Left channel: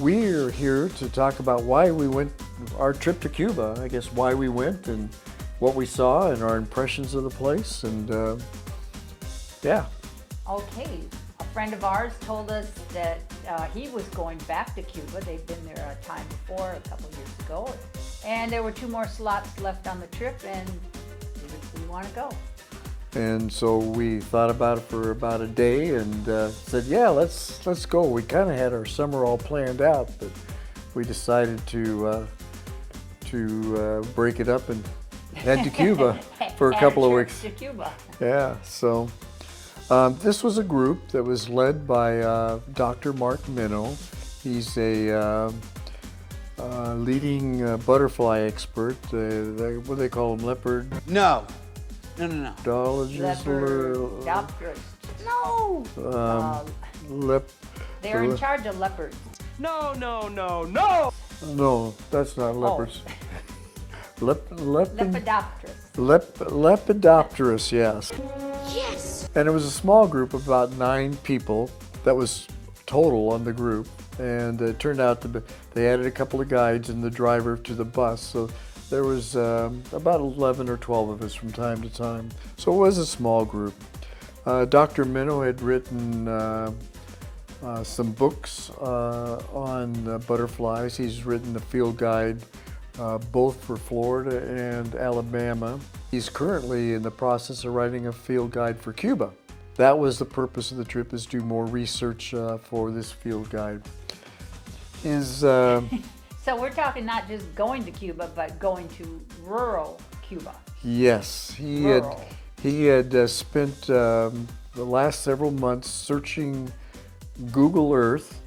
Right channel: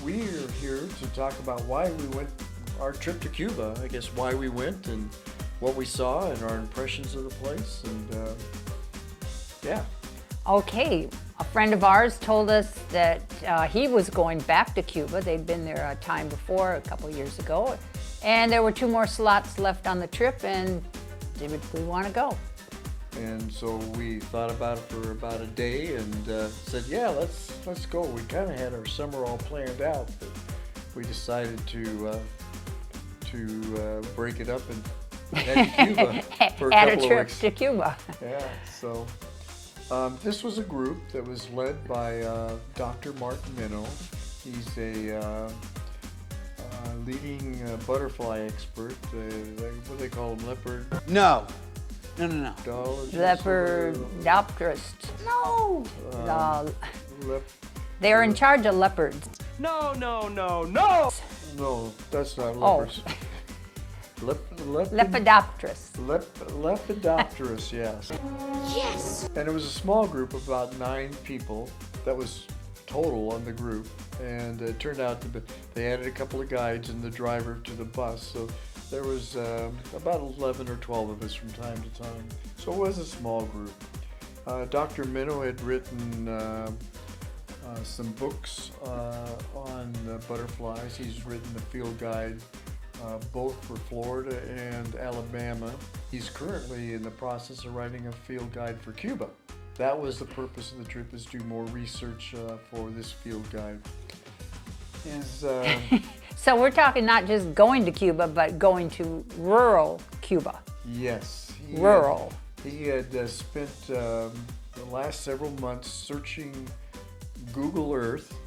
we're here to talk about why we went, our trip to Cuba, I guess why we went and what we saw and our impressions of the place, and yeah. Okay, a friend of ours told us that he was going back to Cuba. They'd been there a time before, a couple years ago, and there were 2 more slots left on the trip, and did we want to go? And so we thought about it for about a day and said, yeah, let's go. We kind of had our summer all planned out, but we decided to break it up and head to Cuba for a couple of weeks. To Cuba. Yeah, so this was a group that was led by Dr. Mark Minow. He's a leading butterfly expert. What do they call them? No. Lepidopterists. No. They're in charge of leopards. No. No, that's not leopards. Lepidopterists. Lepidopterists, yes. Yes! And it was a small group of about 9 people. That was total on the group. And it turned out to be, they added a couple of guides and the driver to the bus. So there was about 11 or 12 of us from time to time. So it was a small group. Dr. Minow had written some books on butterflies. He's written a field guide both for Florida and Alabama. He's currently in the process of writing a field guide for Cuba. That was the purpose of the trip, is do more research for this field guide. So we're talking not just going to Cuba, but going to rural Cuba. Yes. Rural. He had spent the last several months searching Google Earth,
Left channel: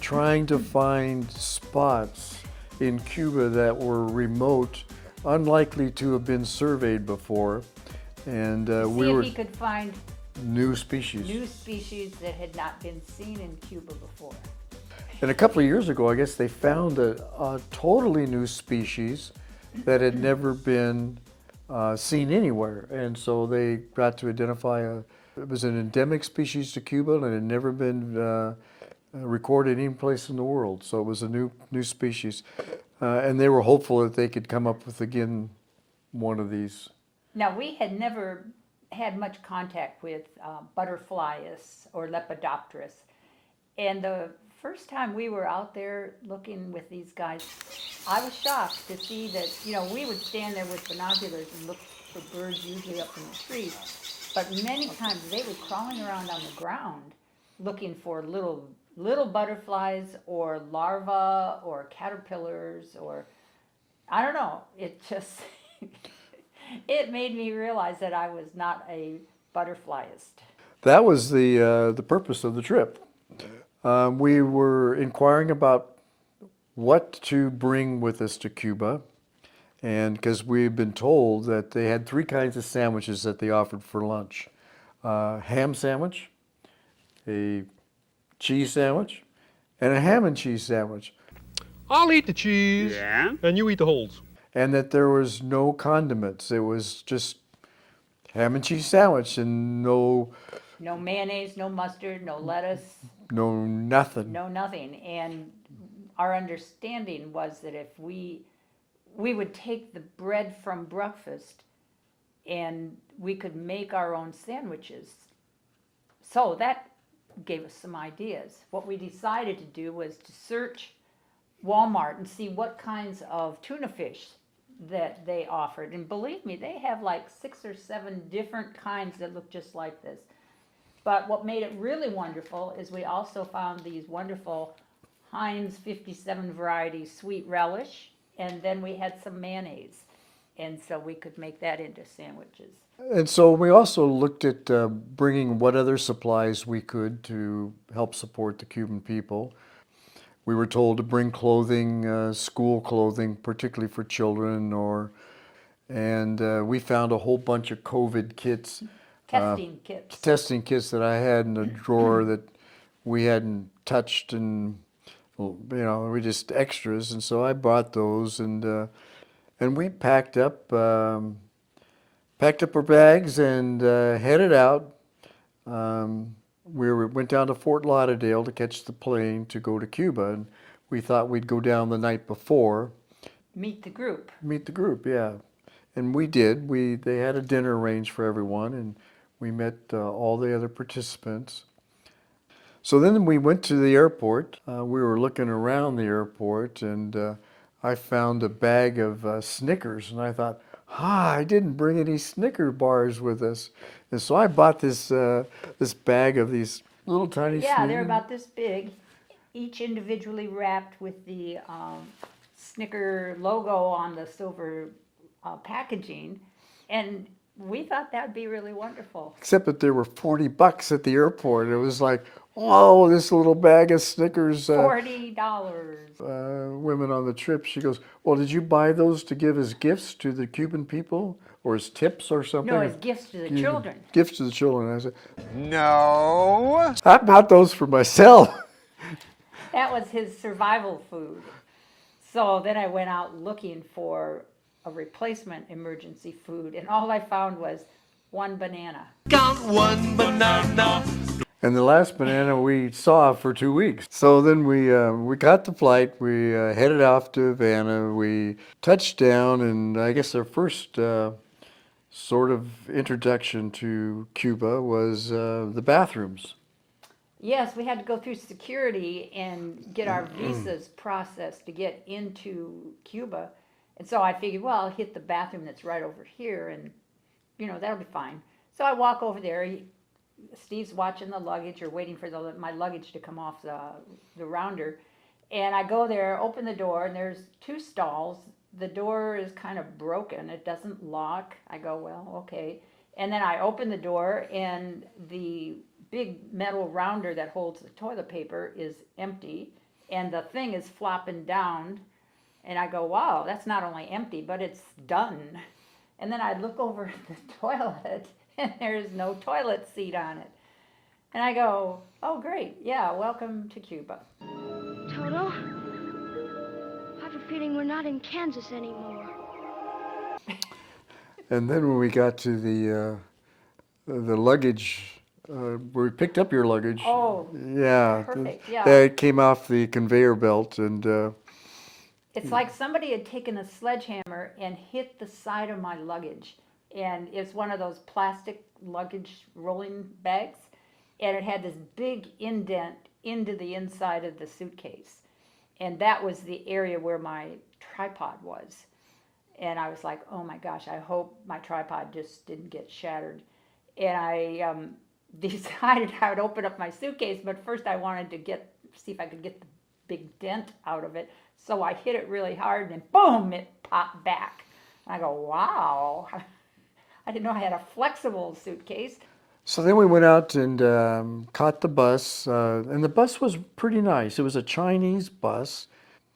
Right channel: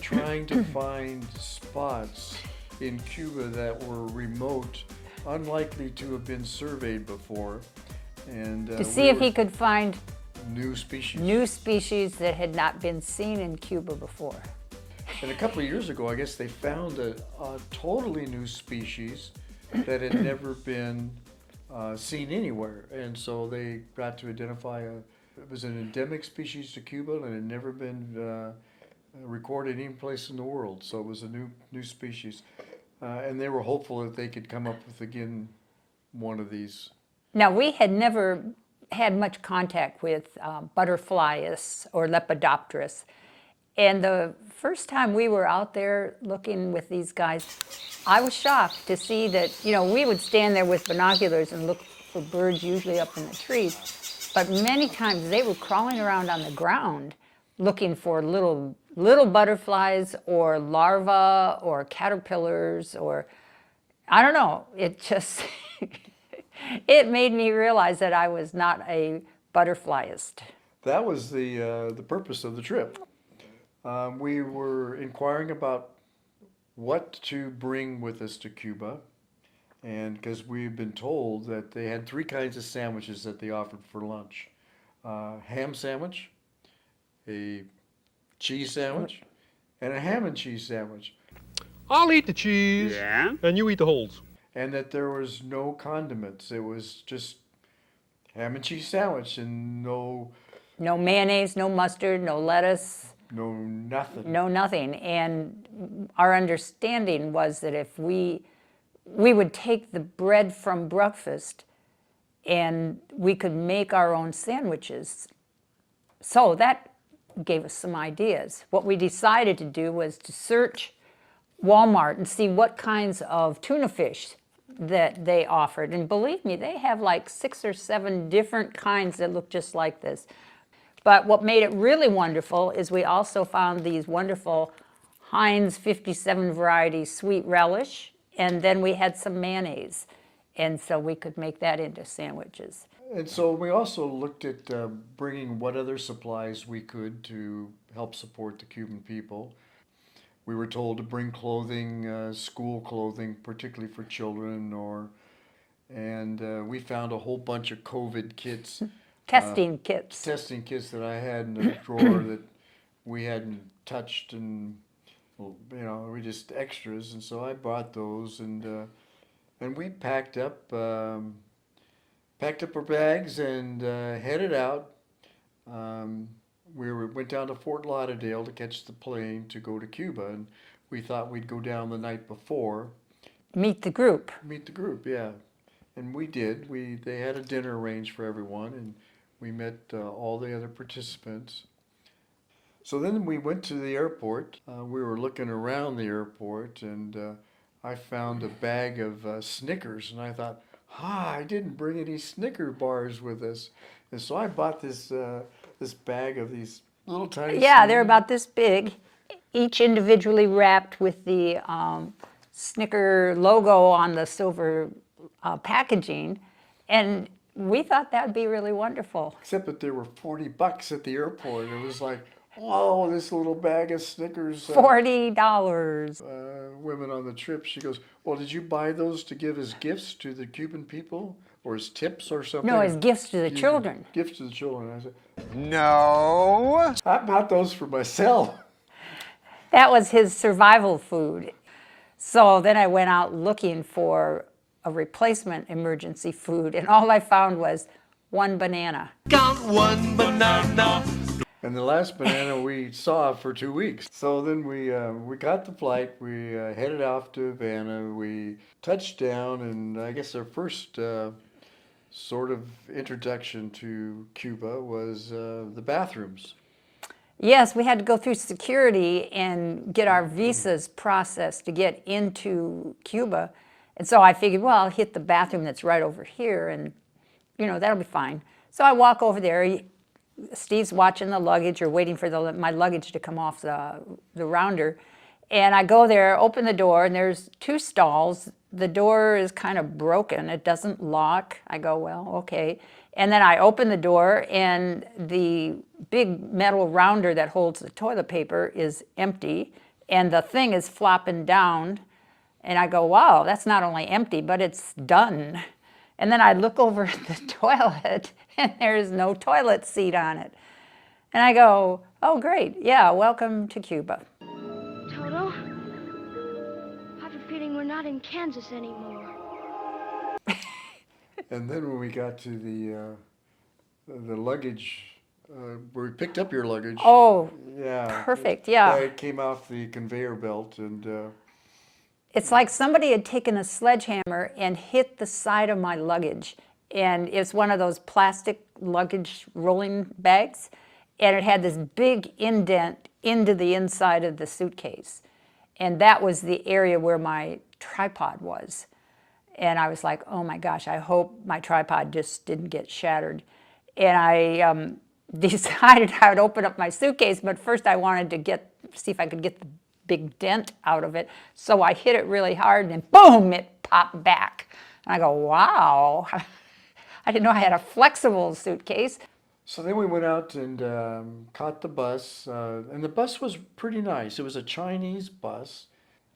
trying to find spots in Cuba that were remote, unlikely to have been surveyed before. And to see if he could find new species. New species that had not been seen in Cuba before. And a couple of years ago, I guess they found a totally new species that had never been seen anywhere. And so they got to identify it was an endemic species to Cuba and it had never been recorded any place in the world. So it was a new species. And they were hopeful that they could come up with, again, one of these. Now, we had never had much contact with butterflies or lepidopterists. And the first time we were out there looking with these guys, I was shocked to see that, we would stand there with binoculars and look for birds, usually up in the trees. But many times they were crawling around on the ground looking for little butterflies or larvae or caterpillars or, I don't know, it just, it made me realize that I was not a butterflyist. That was the purpose of the trip. We were inquiring about what to bring with us to Cuba, and because we've been told that they had 3 kinds of sandwiches that they offered for lunch. Ham sandwich, a cheese sandwich, and a ham and cheese sandwich. I'll eat the cheese, and you eat the holes. And that there was no condiments. It was just ham and cheese sandwich and no mayonnaise, no mustard, no lettuce. No nothing. No nothing. And our understanding was that if we would take the bread from breakfast and we could make our own sandwiches. So that gave us some ideas. What we decided to do was to search Walmart and see what kinds of tuna fish that they offered. And believe me, they have like 6 or 7 different kinds that look just like this. But what made it really wonderful is we also found these wonderful Heinz 57 variety sweet relish, and then we had some mayonnaise. And so we could make that into sandwiches. And so we also looked at bringing what other supplies we could to help support the Cuban people. We were told to bring clothing, school clothing, particularly for children, and we found a whole bunch of COVID kits. Testing kits. Testing kits that I had in a drawer that we hadn't touched, and we just extras. And so I bought those, and we packed up our bags and headed out. went down to Fort Lauderdale to catch the plane to go to Cuba, and we thought we'd go down the night before. Meet the group. Meet the group, yeah. And we did. They had a dinner arranged for everyone, and we met all the other participants. So then we went to the airport. We were looking around the airport, and I found a bag of Snickers, and I thought, I didn't bring any Snicker bars with us. And so I bought this bag of these little tiny Yeah, they're about this big, each individually wrapped with the Snicker logo on the silver packaging, and we thought that would be really wonderful. Except that there were $40 at the airport. It was like, oh, this little bag of Snickers. $40. Women on the trip, she goes, well, did you buy those to give as gifts to the Cuban people? Or as tips or something? No, as gifts to the children. Gifts to the children. I said, No. I bought those for myself. That was his survival food. So then I went out looking for a replacement emergency food, and all I found was one banana. Count one banana. And the last banana we saw for 2 weeks. So then we got the flight. We headed off to Havana. We touched down, and I guess our first sort of introduction to Cuba was the bathrooms. Yes, we had to go through security and get our visas processed to get into Cuba. And so I figured, well, I'll hit the bathroom that's right over here, and, that'll be fine. So I walk over there. Steve's watching the luggage or waiting for my luggage to come off the rounder. And I go there, open the door, and there's 2 stalls. The door is kind of broken. It doesn't lock. I go, well, okay. And then I open the door, and the big metal rounder that holds the toilet paper is empty, and the thing is flopping down. And I go, wow, that's not only empty, but it's done. And then I look over at the toilet, and there's no toilet seat on it. And I go, oh, great. Yeah, welcome to Cuba. Toto, I have a feeling we're not in Kansas anymore. And then when we got to the luggage, where we picked up your luggage. Oh, yeah, perfect, yeah. It came off the conveyor belt, and it's like somebody had taken a sledgehammer and hit the side of my luggage. And it's one of those plastic luggage rolling bags. And it had this big indent into the inside of the suitcase. And that was the area where my tripod was. And I was like, oh my gosh, I hope my tripod just didn't get shattered. And I decided I would open up my suitcase, but first I wanted to see if I could get the big dent out of it. So I hit it really hard, and boom, it popped back. And I go, wow, I didn't know I had a flexible suitcase. so then we went out and caught the bus, and the bus was pretty nice. It was a Chinese bus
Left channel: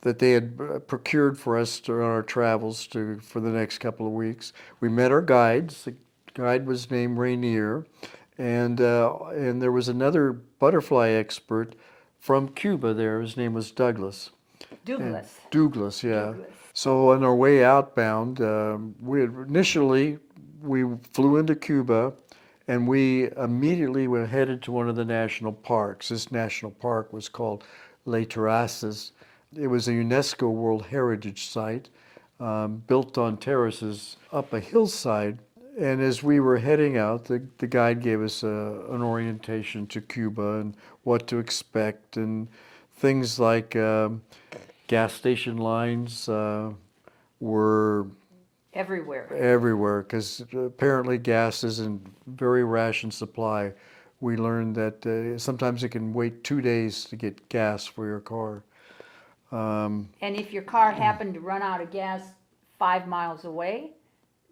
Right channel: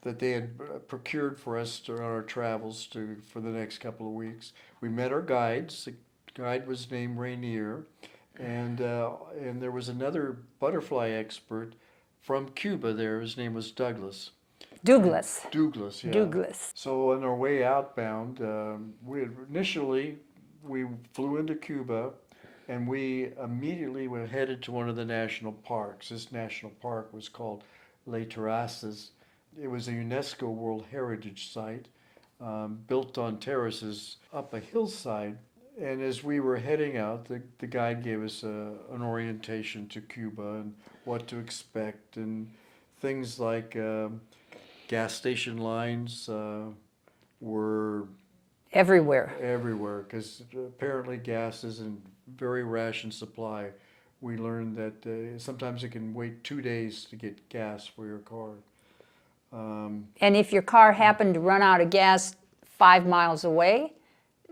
that they had procured for us during our travels for the next couple of weeks. We met our guides. The guide was named Rainier, and there was another butterfly expert from Cuba there. His name was Douglas. Douglas. Douglas, yeah. Douglas. So on our way outbound, we flew into Cuba, and we immediately were headed to one of the national parks. This national park was called Les Terrasses. It was a UNESCO World Heritage Site, built on terraces up a hillside. And as we were heading out, the guide gave us an orientation to Cuba and what to expect, and things like gas station lines were Everywhere. because apparently gas is in very ration supply. We learned that sometimes it can wait 2 days to get gas for your car. And if your car happened to run out of gas 5 miles away,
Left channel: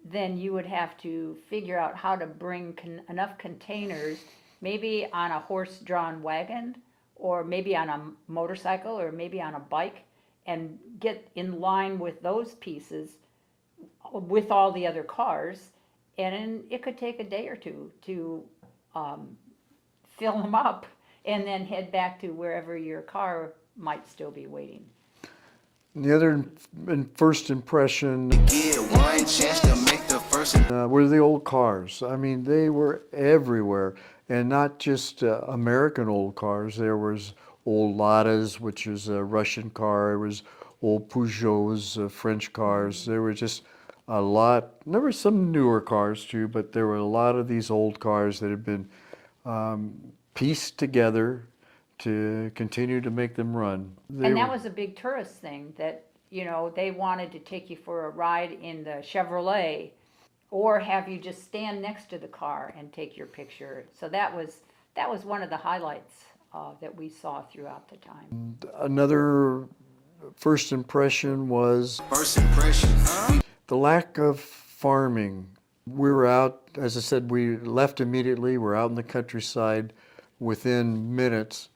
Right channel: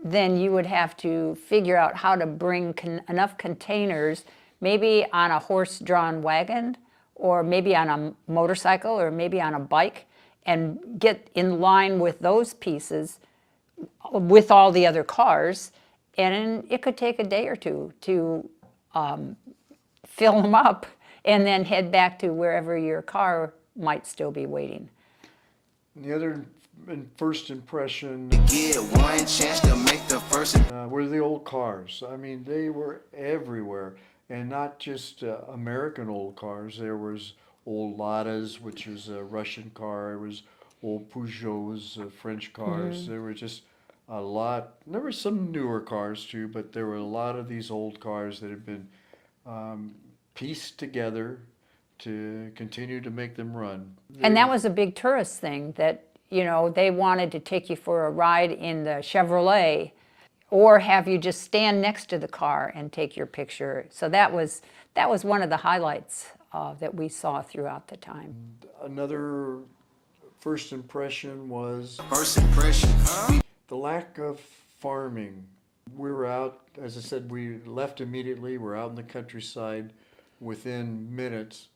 then you would have to figure out how to bring enough containers, maybe on a horse-drawn wagon, or maybe on a motorcycle, or maybe on a bike, and get in line with those pieces with all the other cars. And it could take a day or two to fill them up and then head back to wherever your car might still be waiting. The other first impression Get one chance to make the first. were the old cars. I mean, they were everywhere. and not just American old cars. There was old Ladas, which is a Russian car. There was old Peugeots, French cars. There were just a lot. There were some newer cars too, but there were a lot of these old cars that had been pieced together to continue to make them run. And that was a big tourist thing that, you know, they wanted to take you for a ride in the Chevrolet or have you just stand next to the car and take your picture. So that was one of the highlights that we saw throughout the time. Another first impression was First impression, huh? the lack of farming. We were out, as I said, we left immediately. We're out in the countryside within minutes,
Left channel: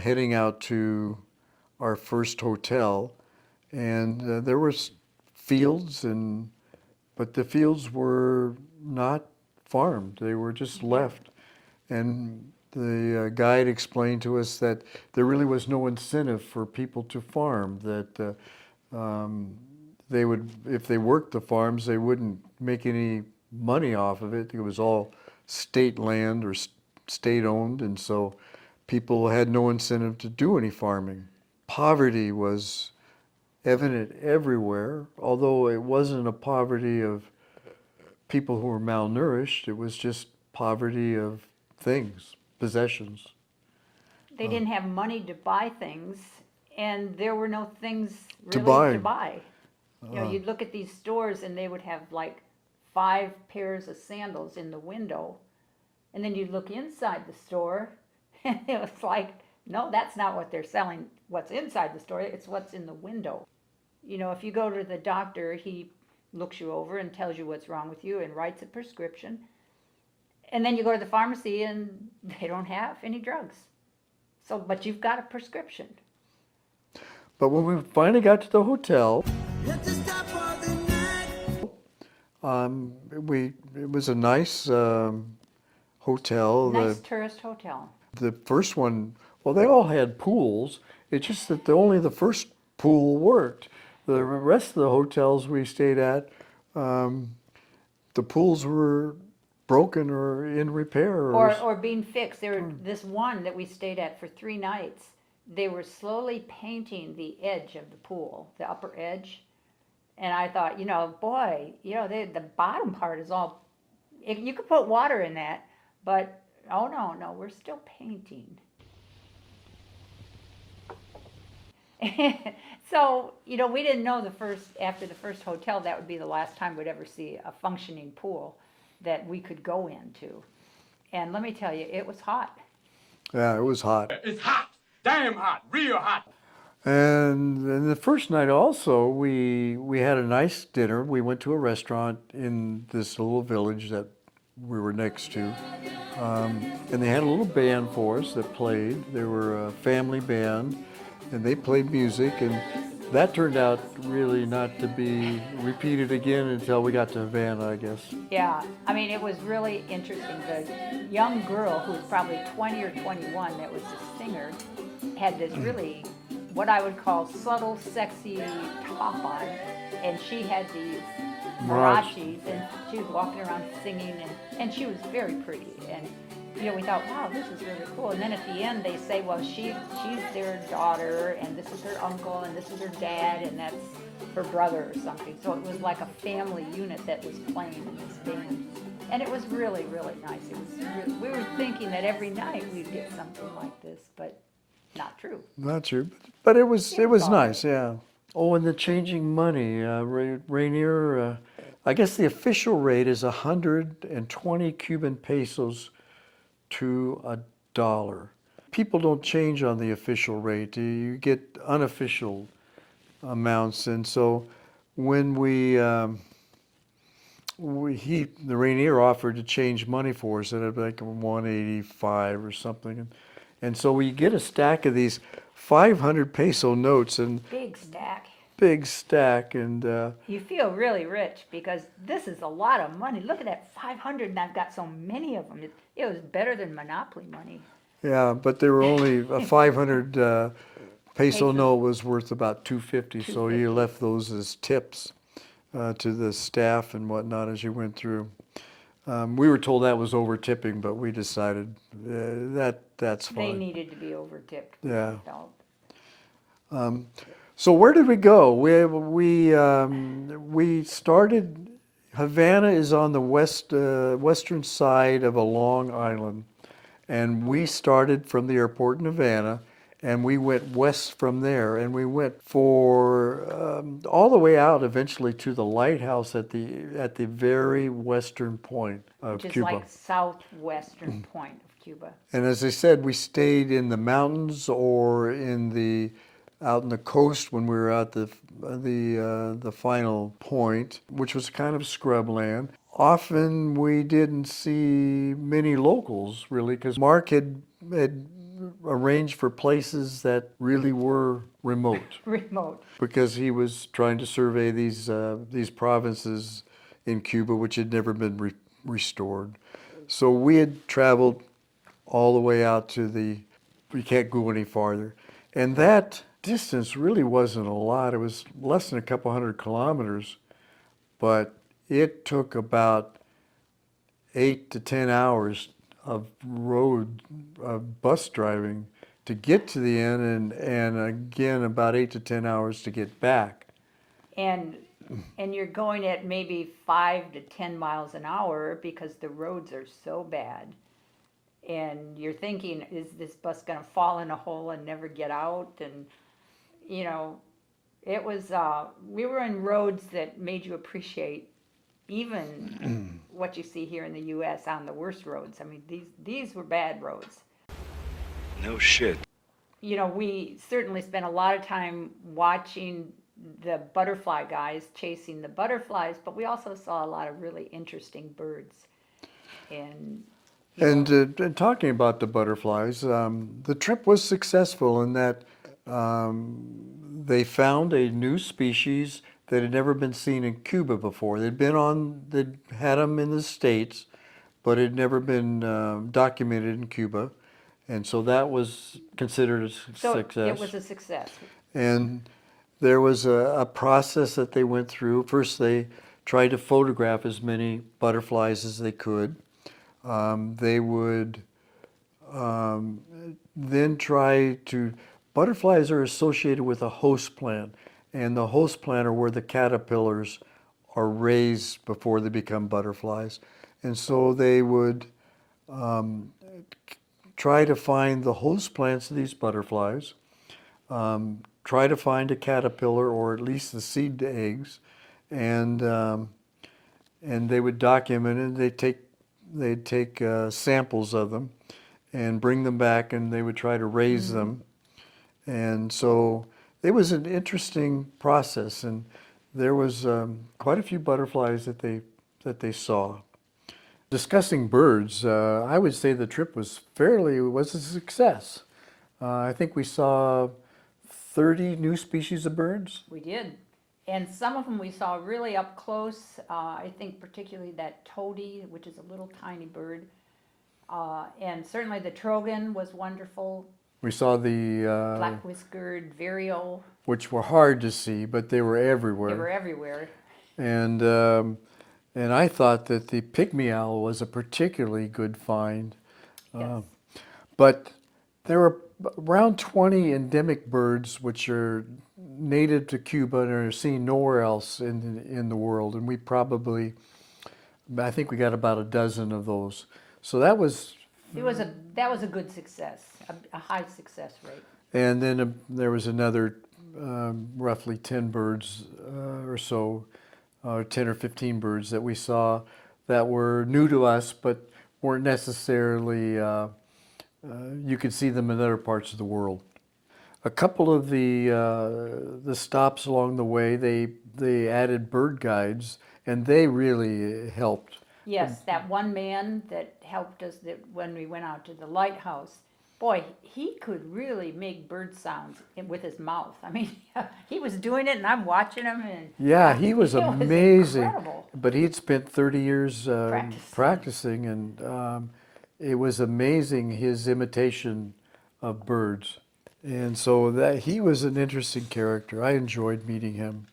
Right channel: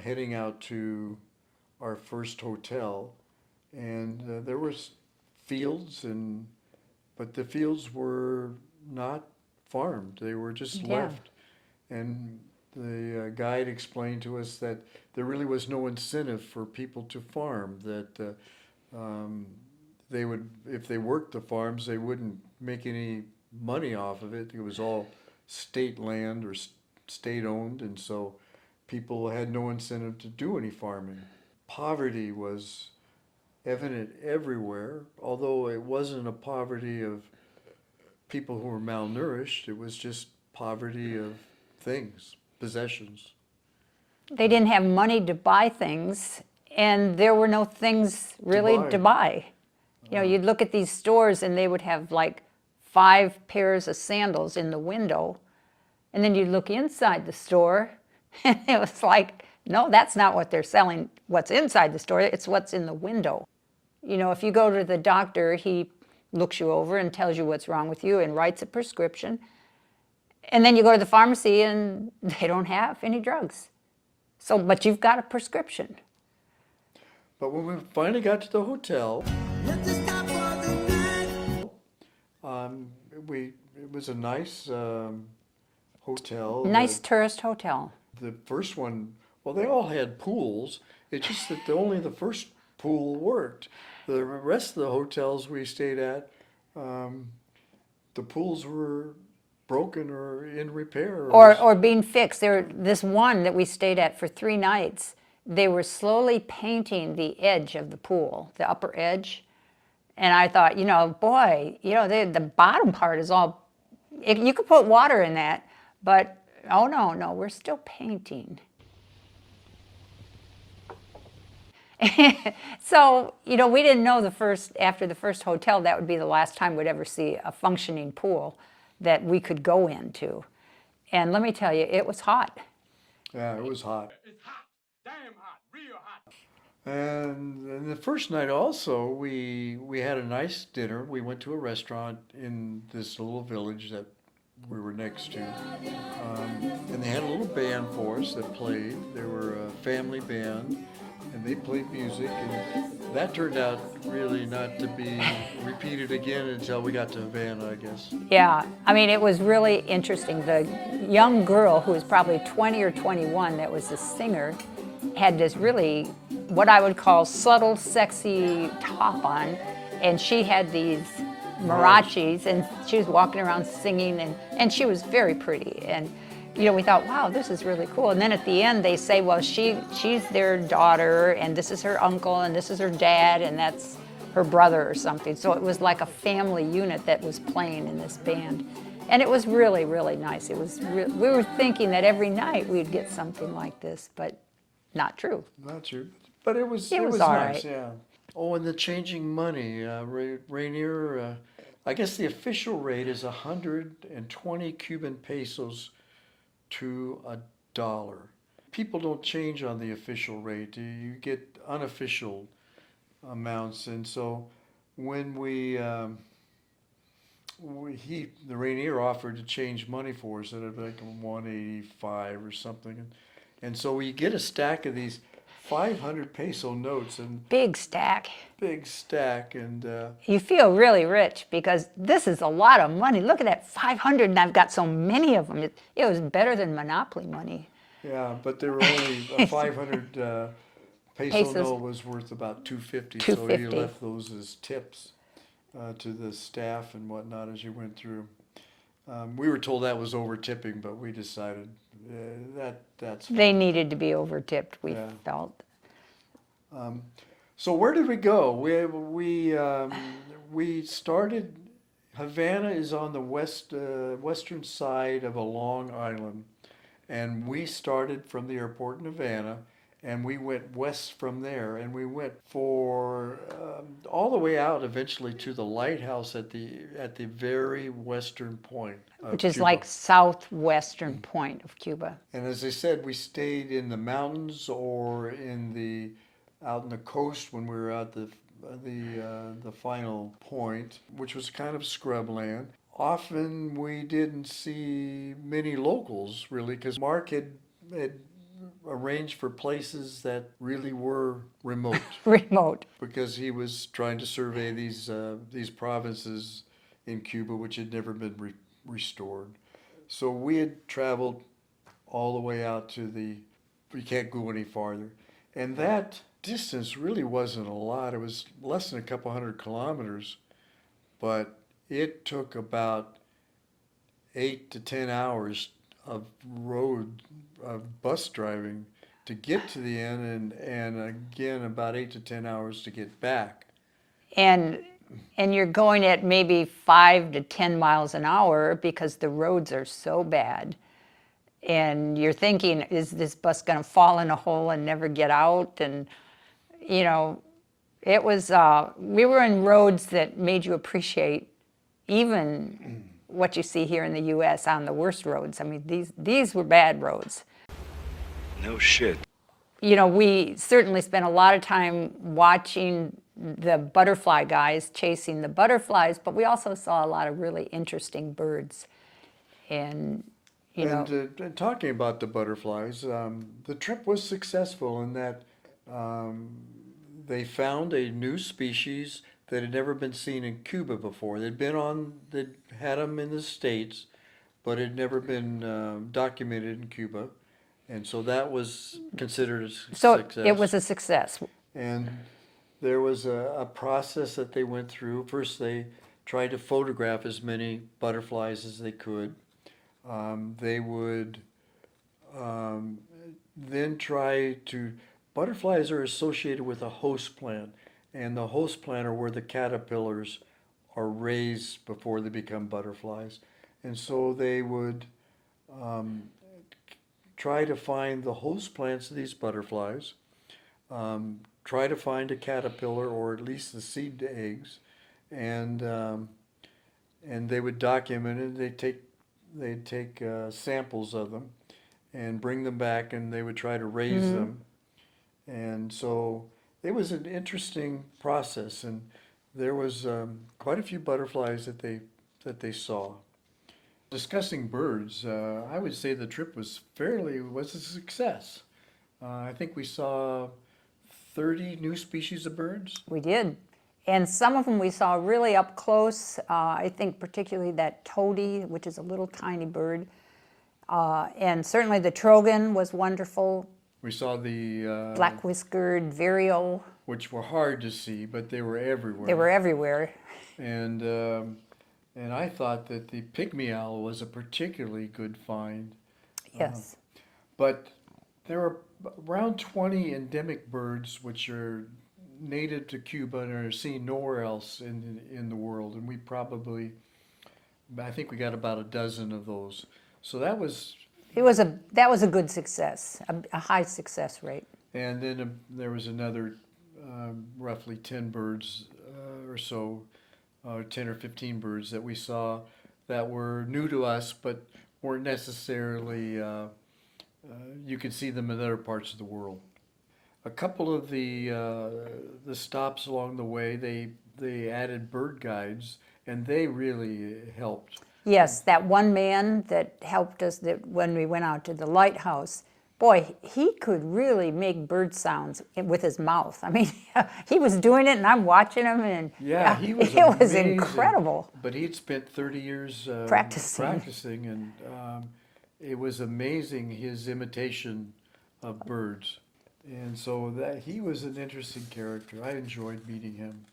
heading out to our first hotel. And there was fields, but the fields were not farmed. They were just left. And the guide explained to us that there really was no incentive for people to farm, that they would, if they worked the farms, they wouldn't make any money off of it. It was all state land or state owned, and so people had no incentive to do any farming. Poverty was evident everywhere, although it wasn't a poverty of people who were malnourished. It was just poverty of things, possessions. They didn't have money to buy things, and there were no things really to buy. You know, you'd look at these stores and they would have like 5 pairs of sandals in the window, and then you'd look inside the store and it was like, no, that's not what they're selling. What's inside the store, it's what's in the window. You know, if you go to the doctor, he looks you over and tells you what's wrong with you and writes a prescription. And then you go to the pharmacy and they don't have any drugs. So, but you've got a prescription. But when we finally got to the hotel, it was a nice hotel. Nice tourist hotel. The first one, well, they all had pools. It's just that only the first pool worked. The rest of the hotels we stayed at, the pools were broken or in repair. Or being fixed. This one that we stayed at for 3 nights, they were slowly painting the edge of the pool, the upper edge. And I thought, you know, boy, you know, the bottom part is all, you could put water in that, but oh no, we're still painting. So, you know, we didn't know after the first hotel, that would be the last time we'd ever see a functioning pool that we could go into. And let me tell you, it was hot. Yeah, it was hot. It's hot, damn hot, real hot. And then the first night also, we had a nice dinner. We went to a restaurant in this little village that we were next to. And they had a little band for us that played. They were a family band, and they played music. And that turned out really not to be repeated again until we got to Havana, I guess. Yeah, I mean, it was really interesting. The young girl, who was probably 20 or 21, that was the singer, had this really, what I would call subtle, sexy top on, and she had these marachis, and she was walking around singing, and she was very pretty. And you know, we thought, wow, this is really cool. And then at the end, they say, well, she's their daughter, and this is her uncle, and this is her dad, and that's her brother or something. So it was like a family unit that was playing in this band. And it was really, really nice. It was. We were thinking that every night we'd get something like this, but not true. Not true, but it was It was all nice, right. yeah. Oh, and the changing money, Rainier. I guess the official rate is 120 Cuban pesos to $1. People don't change on the official rate. You get unofficial amounts, and so when the Rainier offered to change money for us, and it'd be like 185 or something, and so we get a stack of these 500 peso notes, and Big stack. big stack, and You feel really rich because this is a lot of money. Look at that, 500, and I've got so many of them. It was better than Monopoly money. yeah, but they were only a 500 peso Pesos. note was worth about 250, so he $2.50. left those as tips to the staff and whatnot as you went through. We were told that was over tipping, but we decided that's fine. They needed to be over-tipped, we Yeah. felt. So where did we go? We started. Havana is on the western side of a long island, and we started from the airport in Havana, and we went west from there, and we went for all the way out eventually to the lighthouse at the very western point of Which is Cuba. like southwestern point of Cuba. And as I said, we stayed in the mountains or out in the coast when we were at the final point, which was kind of scrubland. Often we didn't see many locals really, because Mark had arranged for places that really were remote, Remote. because he was trying to survey these provinces in Cuba which had never been restored. So we had traveled all the way out to we can't go any farther. And that distance really wasn't a lot. It was less than a couple 100 kilometers, but it took about 8 to 10 hours of bus driving to get to the end, and again about 8 to 10 hours to get back. And you're going at maybe 5 to 10 miles an hour because the roads are so bad. And you're thinking, is this bus going to fall in a hole and never get out? And, you know, it was, we were in roads that made you appreciate even what you see here in the U.S. on the worst roads. I mean, these were bad roads. No shit. You know, we certainly spent a lot of time watching the butterfly guys chasing the butterflies, but we also saw a lot of really interesting birds. And, And talking about the butterflies, the trip was successful in that they found a new species that had never been seen in Cuba before. They'd had them in the States, but it had never been documented in Cuba. And so that was considered a success. it was a success. And there was a process that they went through. First, they tried to photograph as many butterflies as they could. They would then butterflies are associated with a host plant, and the host plant are where the caterpillars are raised before they become butterflies. And so they would try to find the host plants of these butterflies, try to find a caterpillar or at least the seed to eggs, and they would document it. They'd take samples of them and bring them back, and they would try to raise them. And so it was an interesting process, and there was quite a few butterflies that they saw. Discussing birds, I would say the trip was a success. I think we saw 30 new species of birds. We did. And some of them we saw really up close. I think particularly that toady, which is a little tiny bird. And certainly the trogon was wonderful. We saw the Black-whiskered vireo. which were hard to see, but they were everywhere. They were everywhere. And I thought that the pygmy owl was a particularly good find. Yes. But there were around 20 endemic birds which are native to Cuba and are seen nowhere else in the world. And I think we got about a dozen of those. So that was a good success, a high success rate. And then there was another roughly 10 birds or so, 10 or 15 birds that we saw that were new to us, but weren't necessarily, you could see them in other parts of the world. A couple of the stops along the way, they added bird guides, and they really helped. Yes, that one man that helped us when we went out to the lighthouse, boy, he could really make bird sounds with his mouth. I mean, he was doing it, and I'm watching him, and yeah, he was amazing. It was incredible. But he'd spent 30 years practicing, and it was amazing his imitation of birds. And so he was an interesting character. I enjoyed meeting him.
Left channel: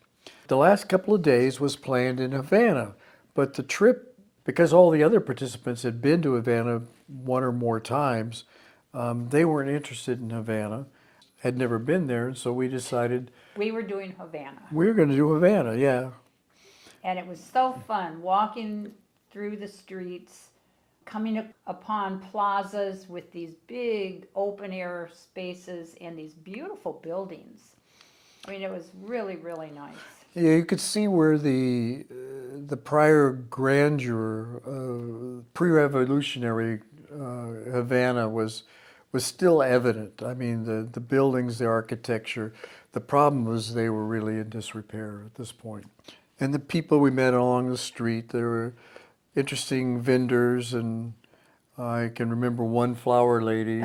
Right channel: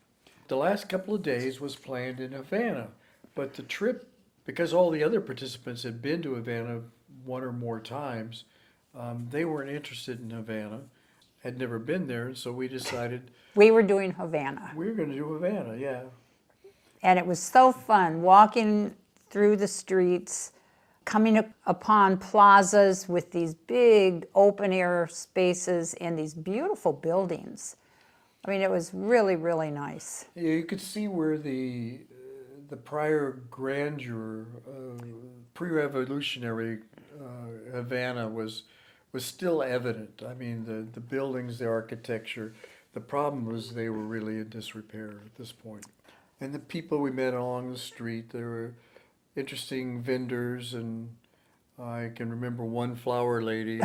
The last couple of days was planned in Havana, but the trip because all the other participants had been to Havana one or more times, they weren't interested in Havana, had never been there, so we decided We were doing Havana. we were going to do Havana, yeah. And it was so fun walking through the streets, coming upon plazas with these big open air spaces and these beautiful buildings. I mean, it was really, really nice. Yeah, you could see where the prior grandeur, pre-revolutionary Havana was still evident. I mean, the buildings, the architecture. The problem was they were really in disrepair at this point. And the people we met along the street, there were interesting vendors, and I can remember one flower lady.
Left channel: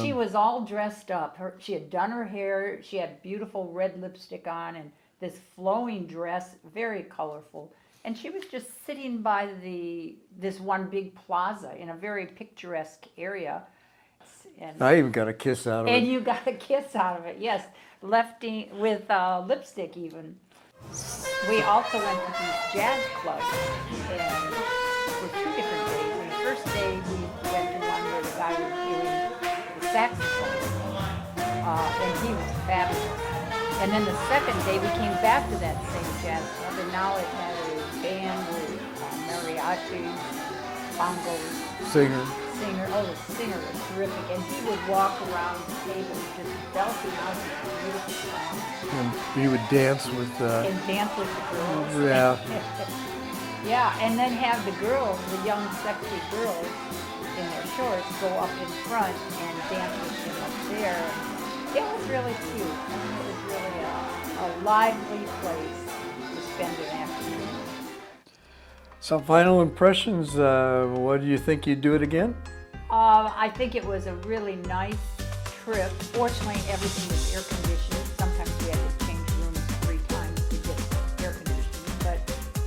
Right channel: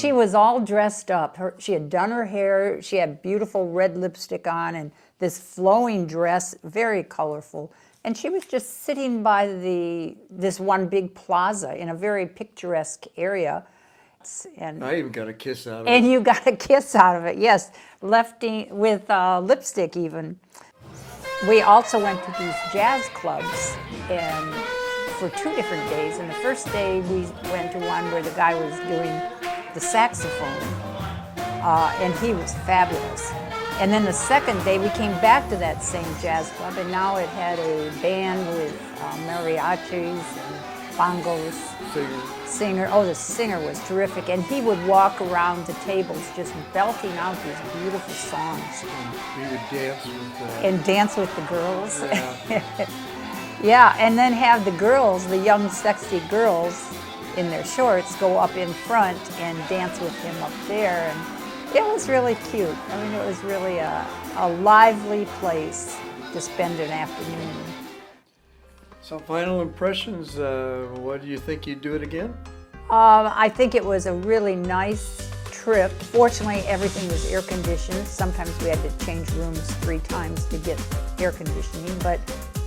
She was all dressed up. She had done her hair. She had beautiful red lipstick on and this flowing dress, very colorful. And she was just sitting by this one big plaza in a very picturesque area. And I even got a kiss out of it. And you got a kiss out of it, yes, lefty with lipstick even. We also went to these jazz clubs and for 2 different days. And the first day we went to one where the guy was doing the saxophone, and he was fabulous. And then the second day we came back to that same jazz club, and now it had a band with mariachis, bongos, singer. Oh, the singer was terrific, and he would walk around the tables just belting out these beautiful songs. And you would dance with and dance with the girls. Yeah. Yeah, and then have the girls, the young, sexy girls in their shorts, go up in front and dance with him up there. And it was really cute. I mean, it was really a lively place to spend an afternoon. Some final impressions. What do you think you'd do it again? I think it was a really nice trip. Fortunately, everything was air conditioned. Sometimes we had to change rooms 3 times to get air conditioning, but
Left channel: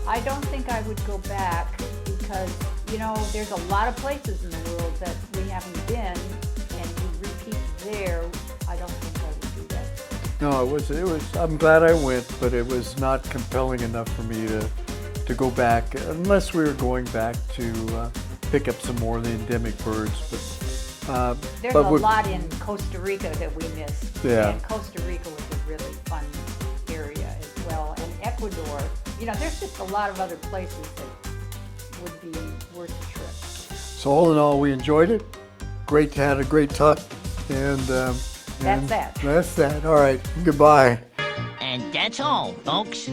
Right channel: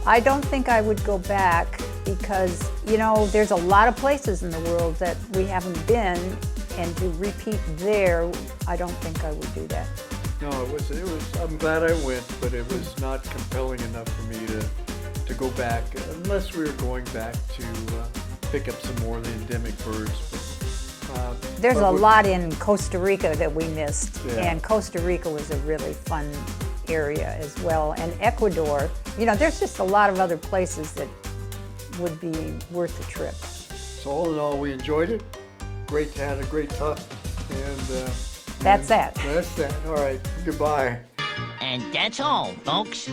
I don't think I would go back because, you know, there's a lot of places in the world that we haven't been, and to repeat there, I don't think I would do that. No, it was. I'm glad I went, but it was not compelling enough for me to go back, unless we were going back to pick up some more of the endemic birds. There's a lot in Costa Rica that we missed, Yeah. and Costa Rica was a really fun area as well. And Ecuador, you know, there's just a lot of other places that would be worth the trip. So all in all, we enjoyed it. Great, had a great time, and That's that. That's that. All right, goodbye. And that's all, folks.